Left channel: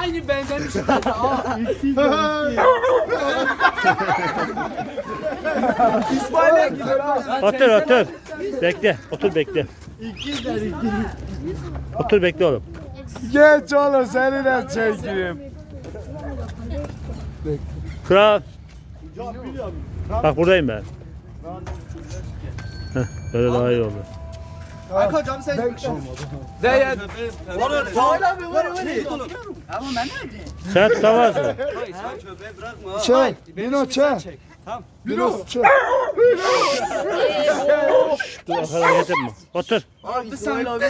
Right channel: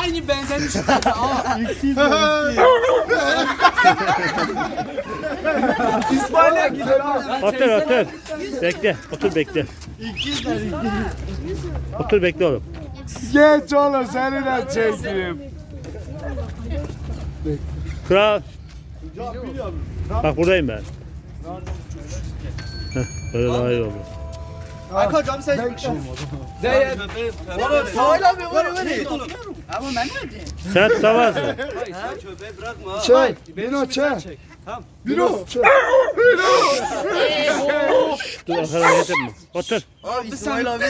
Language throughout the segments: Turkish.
Aynı benzemiş. İsmail'e gidiyor. Otur otur. Bekle. Otur bekle. Otur bekle oğlum. Geç oğlum seni de çekeyim. Kral. Bak buradayım ben. Heh, böyle daha iyi olur. Hocam sen. Değer. Sağol abi var öyle. Ama ben ne Sen tutamazsın. Çek. Bino çek. Bino çek. Dur arkadan getirme. Otur. İsmail abi.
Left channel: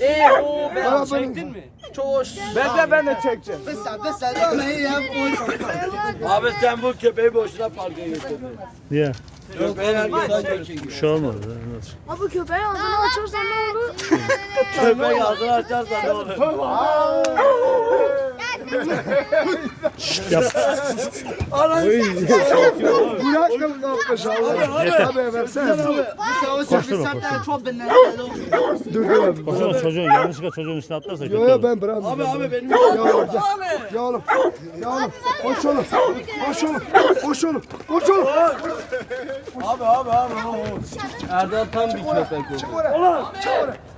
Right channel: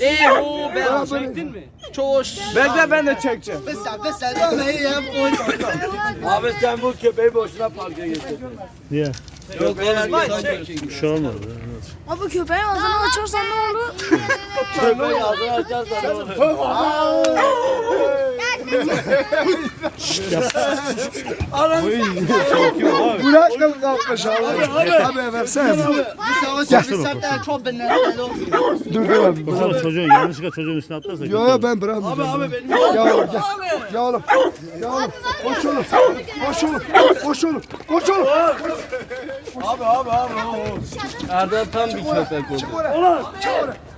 Eee o ben çektin mi? Çoş. Ben de ben de çekeceğim. Bısa bısa dönmeyi yap. Abi sen bu köpeği boşuna parka getirdin. Niye? Yok oğlum insan Bir şey olmaz. Abi köpeğin ağzını açarsan ne olur? Köpek ağzını açarsan ne olur? Bırak mı kalkmış abi? Abi versene. Çok ben Dur dur. Baksana çocuğun yanlışlıkla çocuğun üstüne atlarsa. Yo ben bırakmayacağım. Abi abi benim Ya oğlum gel. Ya oğlum. Ya oğlum. Koş oğlum. Koş oğlum. Koş oğlum. Koş oğlum. Abi abi abi. Erdem tam bir köpek. Çık oraya. Çık oraya.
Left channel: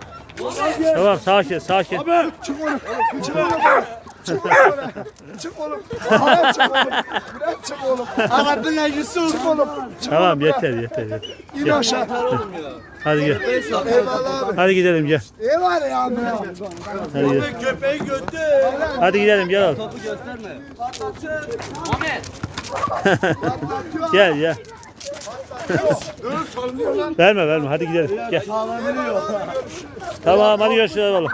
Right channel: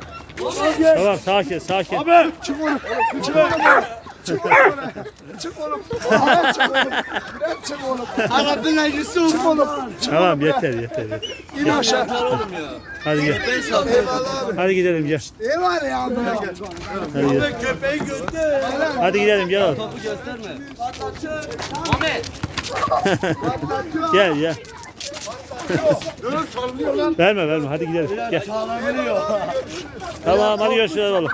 Tamam sakin sakin. Çık oraya. Çık oraya. Çık oraya. Çık oğlum. Çık oğlum. Çık oğlum. Arabın Yusuf. Çık oğlum. Tamam yeter yeter. yeter. İn aşağı. Hadi gel. Hadi gidelim gel. Ne var ya abi? Hadi gel. Köpeği götür. Hadi gidelim gel oğlum. Topu gösterme. Ahmet. Gel gel. Verme verme hadi gidelim. Gel. Tamam hadi görüşürüz oğlum.